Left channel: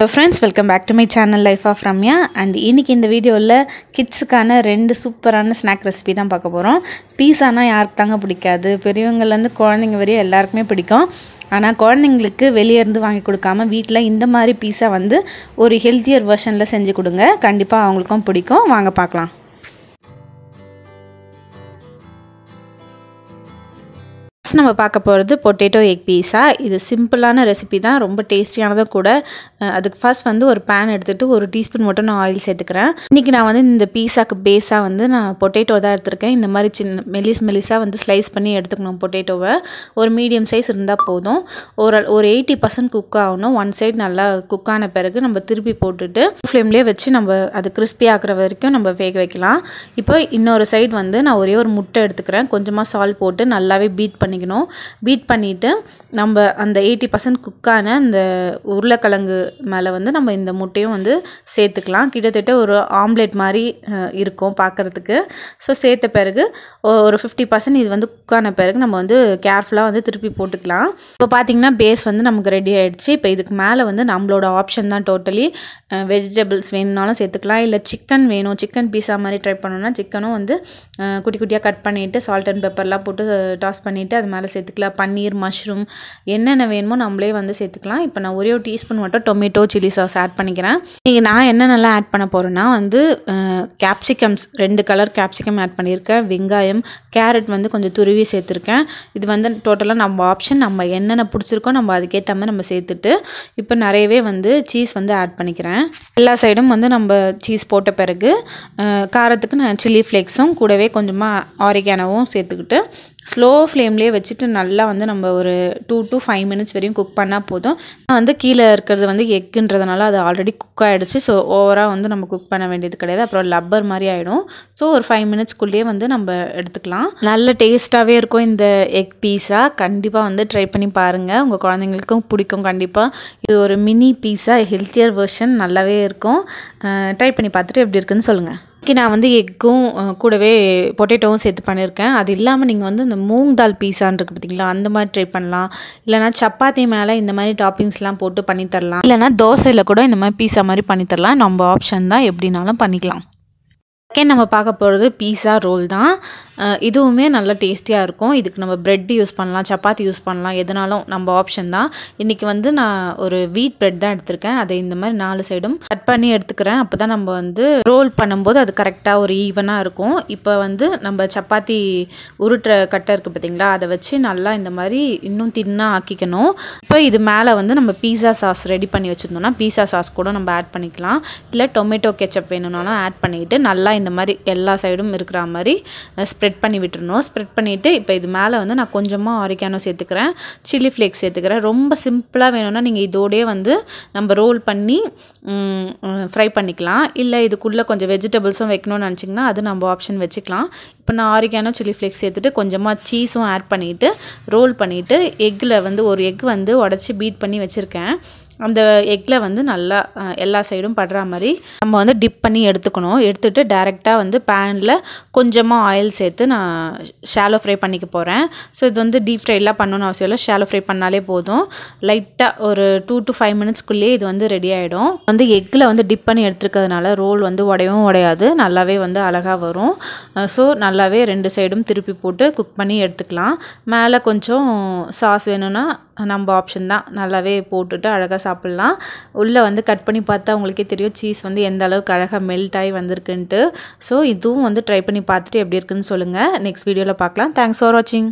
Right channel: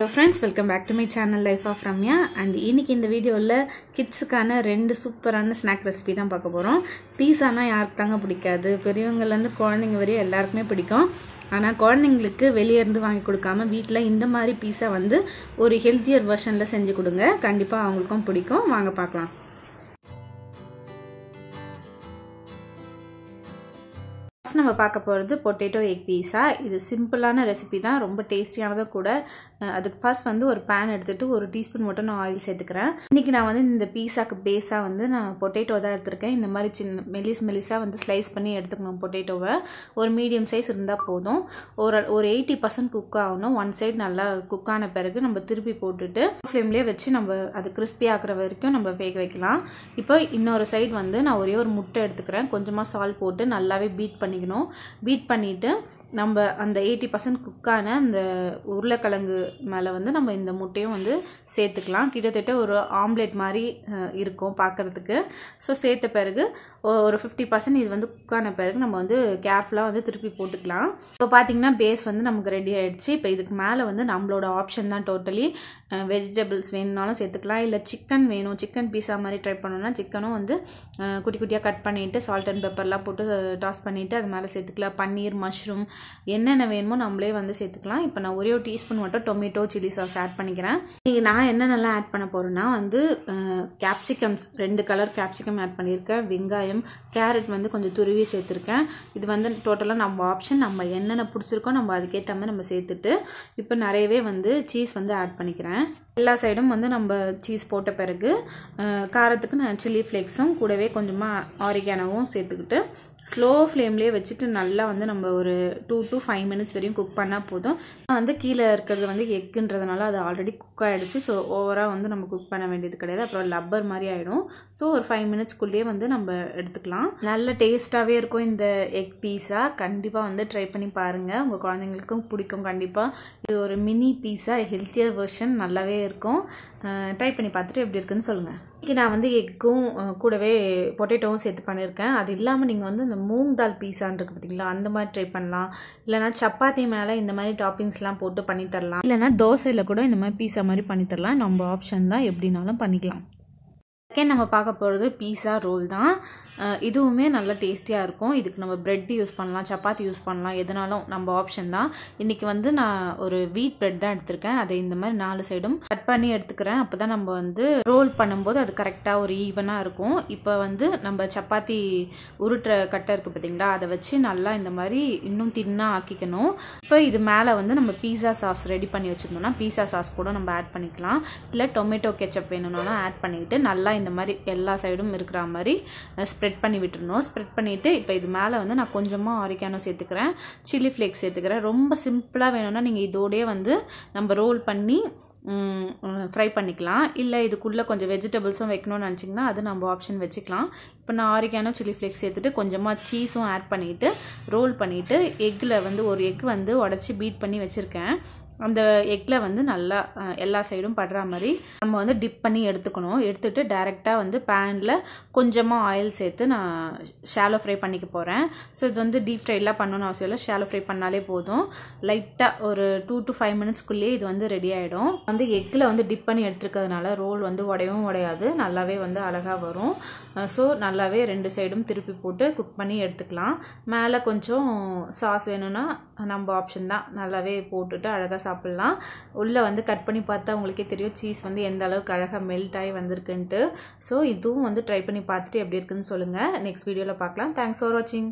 Hello friends, welcome back to my channel Life of Ramya. And இன்னைக்கு இந்த வீடியோல கிட்ஸ்க்கான ரெண்டு சூப்பரான ஸ்நாக் ரெசிபி தான் பார்க்க போறோம். பீஸானா யாருக்கு தாங்க பிடிக்காது? பெரியவங்கல இருந்து குழந்தைங்க வரை எல்லாருக்குமே பிடிக்கும். ஆனா குழந்தைங்களுக்கு வெளிய இருந்து வாங்கி கொடுக்காம வீட்ல இந்த மாதிரி பீஸா வந்து ஒரு ஹெல்தியர் வெர்ஷன்ல செஞ்சு கொடுங்க. கண்டிப்பா அவங்களுக்கும் பிடிக்கும். வாங்க பார்க்கலாம். நம்ம பார்க்க போகிறது பொட்டேட்டோ எக் பீஸா. இது சிம்பிளான ரெசிபி தான், ரொம்ப டேஸ்டியானதும் கூட. அதுக்கு ஃபர்ஸ்ட் வந்து ஒரு பேன் எடுத்துகிட்டு ஒரு டீஸ்பூன் மட்டும் நான் ஆயில் சேர்த்துக்கிறேன். இன்றைக்கி நான் வந்து இந்த பீஸாக்கு பேஸாக வந்து நான் பொட்டேட்டோ தான் எடுத்திருக்கேன். இந்த மாதிரி சின்ன மெலிஸாக வந்து ஸ்லைஸ் பண்ணி எடுத்துக்கணும் பொட்டேட்டோவை. ஒரு மீடியம் சைஸ் இருந்தால் போதும். ஒரு 80% குக் ஆகணும். ஒன் சைடு நல்லா குக் ஆன பிறகு நம்ம திருப்பி போட்டுட்டு ஃப்ளேம்லேயே வச்சு நம்ம அது கிறிஸ்பி ஆகிற வரைக்கும் நம்ம வேக வைக்கலாம். இப்போ இன்னொரு சைடு வந்து நான் ஒரே ஒரு முட்டை எடுத்துக்கிறேன். கொஞ்சமாக சால்ட் போட்டு நல்லாவே பீட் பண்ணிக்கணும். பீட் பண்ணிவிட்டு நம்ம அந்த 80% குக்கான அந்த உருளைக்கிழங்கு மேலே வந்து நம்ம இந்த முட்டையும் வந்து சேர்த்துக்கலாம். கிட்டத்தட்ட ஒரு ஆம்லேட் மாதிரி இருக்கும் பார்க்குறதுக்கு. ஸோ சேர்த்த பிறகு ஒரு 50% இது வந்து குக்கான பிறகு நம்ம வந்து கேர்ஃபுல்லாக வந்து திருப்பி போட்டுக்கலாம். இப்போ பார்த்திங்கன்னா பேஸ் வந்து நமக்கு ரெடி ஆகிடுச்சு. இப்போ இதுக்கு மேலே வந்து நம்மளோட ஆப்ஷன் தான் டோட்டலி. வெஜிடபிள்ஸ் வேணும்னாலும் சேர்த்துக்கலாம், இல்லை சிக்கன் வேணும், சிக்கன் பீஸா மாதிரி ட்ரை பண்ணணும்னா சிக்கனும் வந்து குட்டி குட்டியாக கட் பண்ணிவிட்டு சால்ட் அண்ட் பெப்பர்லாம் போட்டு டாஸ் பண்ணிவிட்டு அது மேலே சேர்த்துக்கலாம். பன்னீர், மஷ்ரூம் என்னென்ன வேணுமோ நம்மளே வந்து சேர்த்துக்கலாம். இப்போ நான் ஒரே ஒரு டீஸ்பூன் மட்டும் டொமேட்டோ சில்லி சாஸ் ஆட் பண்ணிக்கிறேன். இன்றைக்கி நான் என்னென்னலாம் ஆட் பண்ண போகிறேன்னா வந்து கேப்சிகம்ஸ் 2 கலர் கேப்சிகம் ஆட் பண்ணியிருக்கேன். வெங்காயம், கேரட் வந்து கொஞ்சம் துருவி சேர்த்துருக்கேன். இது வந்து டோட்டலாக நம்ம ஆப்ஷன். நம்ம என்னென்ன பிடிச்சிருக்கோ நம்ம அதுக்கேற்ற மாதிரி நம்ம சேர்த்துட்டு இப்போ நிறையவே வந்து சீஸ் வந்து ஆட் பண்ணிக்கிறேன். எல்லா சைடும் வந்து நம்ம சீஸ் போட்ட பிறகு காரத்துக்கு நான் சில்லி ஃப்ளேக்ஸும் கூடவே கொஞ்சமாக ஆரிகானோவும் சேர்த்துக்கிட்டு ஸ்லோ ஃப்ளேம்லேயே வச்சுட்டு நல்லா வந்து நம்ம ஒரு 2 to 5 minutes வரையும் குக் பண்ணால் போதும். வந்து கீழே இருக்கிறது வந்து எக்குன்றதுனால அது ஆல்ரெடி குக் ஆகிடுச்சு. ஸோ ஓவராக வந்து நம்ம குக் பண்ண வேண்டியது கிடையாது. அப்புறம் லப்பர் மாதிரி ஆகிடும். ஸோ ஒரு 5 minutesக்குள்ளேயே வந்து நம்ம எடுத்துக்கலாம். நல்ல டேஸ்ட்டாகவே இருக்கும் இந்த எக் பீஸா. கண்டிப்பாக வந்து ட்ரை பண்ணி பாருங்கள், உங்கள் குழந்தைங்களுக்கும் பிடிக்கும் கண்டிப்பாக. இது ஒரு மினி பீஸா, ஹெல்த்தியர் வெர்ஷன், நல்லாவே இருக்கும். ட்ரை பண்ணி பார்த்துட்டு எப்படி இருக்குன்னு சொல்லுங்கள். இன்றைக்கி நான் வந்து எக்கும் கூடவே பொட்டேட்டோவும் சேர்த்து பண்ணியிருக்கேன். அது இல்லாமல் நீங்கள் வந்து இந்த மூங் தால் பீஸான்னு இருக்குது பார்த்தீங்களா, அந்த மாதிரி ட்ரை பண்ணலாம். இல்லைனா சப்பாத்தி மேலே இந்த மாதிரி டாப்பிங்ஸ்லாம் போட்டு பண்ணித்தரலாம். இல்லைனா தோசையில் கூட இந்த மாதிரி பீஸா மாதிரி பண்ணித்தரலாம். நம்ம ஆப்ஷன் தான், எப்படினாலும் பண்ணிக்கலாம். செகண்ட் நம்ம பார்க்க போகிறது பீஸா ரோல் தான். இதுவுமே நல்ல டேஸ்டியாக இருக்கும். இதுக்கு நம்ம ப்ரெட் யூஸ் பண்ணலாம், சப்பாத்தி யூஸ் பண்ணலாம், எதுனாலும் நம்ம ஆப்ஷன் தான். இன்றைக்கி வந்து நான் ஒரு வீட் ப்ரெட் தான் எடுத்திருக்கேன். அதை இந்த மாதிரி 4 சைடும் கட் பண்ணி எடுத்துக்கிறேன். அப்போ தான் நம்ம வந்து ரோல் பண்ணும்போது அது கரெக்டாக ஒரு ஈவனாக இருக்கும். இப்போ வந்து நம்ம சப்பாத்தி உருட்டுற கட்டை இருக்குது பார்த்தீங்களா, அதை வச்சு நல்லா இந்த மாதிரி இன்னும் தின்னாக ஆக்கிக்கணும். இப்போ இது மேலே வந்து நம்ம பீஸா சாஸ் ரெடி பண்ணி வச்சுருந்தோம்னா பீஸா சாஸ் கூட நம்ம ஆட் பண்ணிக்கலாம். இல்லை டொமேட்டோ கெச்சப் வேணும்னாலும் ஆட் பண்ணிக்கிட்டு நல்லா இந்த மாதிரி எல்லா சைடும் இருக்கிற மாதிரி ஸ்ப்ரெட் பண்ணி விட்டுறணும். ஸ்ப்ரெட் பண்ணிவிட்டு இப்போ இது மேலே வந்து நான் கொஞ்சமாக ஆரிகானோ சேர்த்துக்கிறேன், சில்லி ஃப்ளேக்ஸ் சேர்த்துக்கிறேன். ரொம்ப சிம்பிளாக வேணும்னா நீங்கள் இதோடய வந்து நம்ம ரோல் பண்ணி ஃப்ரை பண்ணிக்கலாம். இல்லை இதுக்குள்ளே கொஞ்சம் வெஜிடபிள்ஸும் வைக்கணும்னு நினச்சிங்கன்னா அது நம்ம ஆப்ஷன் வச்சுக்கலாம். இப்போ நான் ஆரிகானோ சில்லி ஃப்ளேக்ஸ் சேர்த்துட்டு கொஞ்சமாக சீஸும் ஆட் பண்ணிவிட்டு ரோல் பண்ணிவிட்டு எக்கில் வந்து ஒரு எக் வந்து உடச்சி பீட் பண்ணி வச்சுருக்கேன். அந்த எக்கில் வந்து நல்லா எல்லா சைடும் படுற மாதிரி நம்ம வந்து டிப் பண்ணி எடுத்துக்கணும். எடுத்துகிட்டு டைரெக்டாக வந்து பேனில் கொஞ்சமாக ஆயில் சேர்த்து நான் ஷாலோ ஃப்ரை பண்ணிக்க போகிறேன். ஸோ இது வந்து டீப் ஃப்ரைலாம் பண்ணணும்னு அவசியம் இல்லை, ஷாலோ ஃப்ரை பண்ணாலே போதும். லைட்டாக ஒரு 2 to 5 minutesக்குள்ளேயே இது வந்து ரெடி ஆகிடும். வந்து எக்கில் வந்து டிப் பண்ணி எடுத்துருக்கிறதுனால ரோல் வந்து உடையவும் உடையாது, நல்லாவே வந்து அழகாக வரும். ஸோ நல்லாவே 2 சைடும் திருப்பி போட்டு குக் பண்ணி எடுத்துக்கலாம். மேலே கொஞ்சம் சாஸ் வேணும்னா நம்ம ஆப்ஷன் தான், நல்லாவே போட்டுட்டு அழகாக சாப்பிட்லாம். உள்ளே வந்து கட் பண்ணி பார்த்தா உங்களுக்கே தெரியும் சீஸ் வந்து எந்த அளவுக்கு அழகாக மெல்ட் ஆகி வந்திருக்குன்ட்டு. ஸோ இதுவும் வந்து ட்ரை பண்ணி பார்த்துட்டு எப்படி இருக்குன்னு சொல்லுங்கள். நெக்ஸ்ட் வீடியோவில் பார்க்கலாம். தேங்க்ஸ் ஃபார் வாட்சிங்.